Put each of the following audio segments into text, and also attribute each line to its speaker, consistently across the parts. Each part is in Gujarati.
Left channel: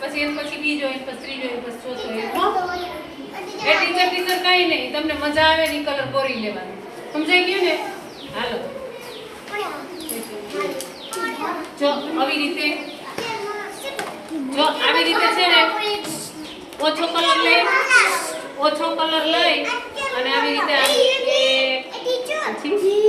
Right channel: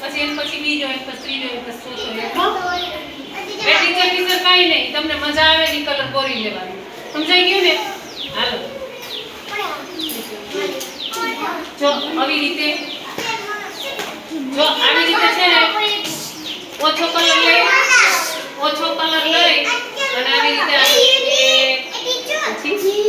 Speaker 1: પછી એમ પછી બીજો એમ પછી ત્રીજો એમ પછી ચોથો એમ બે ટીચર ટીચર કાંઈ નહીં. તમને મજા આવે ને કલર બોરી લેવાનો. સમજાઈ ગયું ને? હાલો. જો આવી રીતે. જો આવી રીતે છે ને ઓછો કલર લઈ ઓછો કલર લઈ અને આવી રીતે આવી એક પછી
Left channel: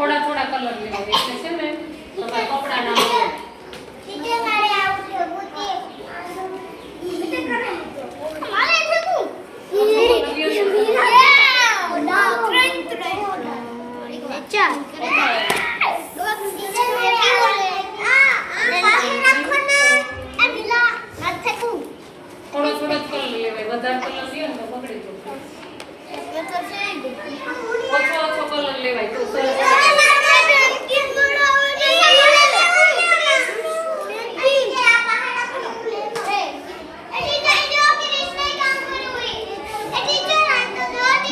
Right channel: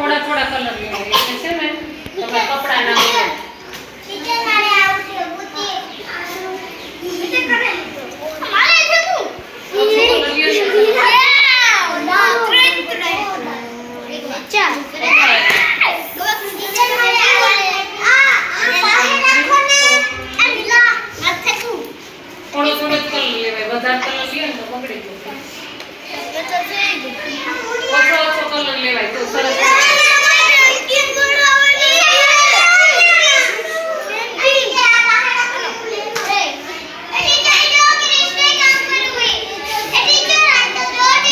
Speaker 1: થોડા થોડા કલર લેવા એટલે છે ને કપડા ના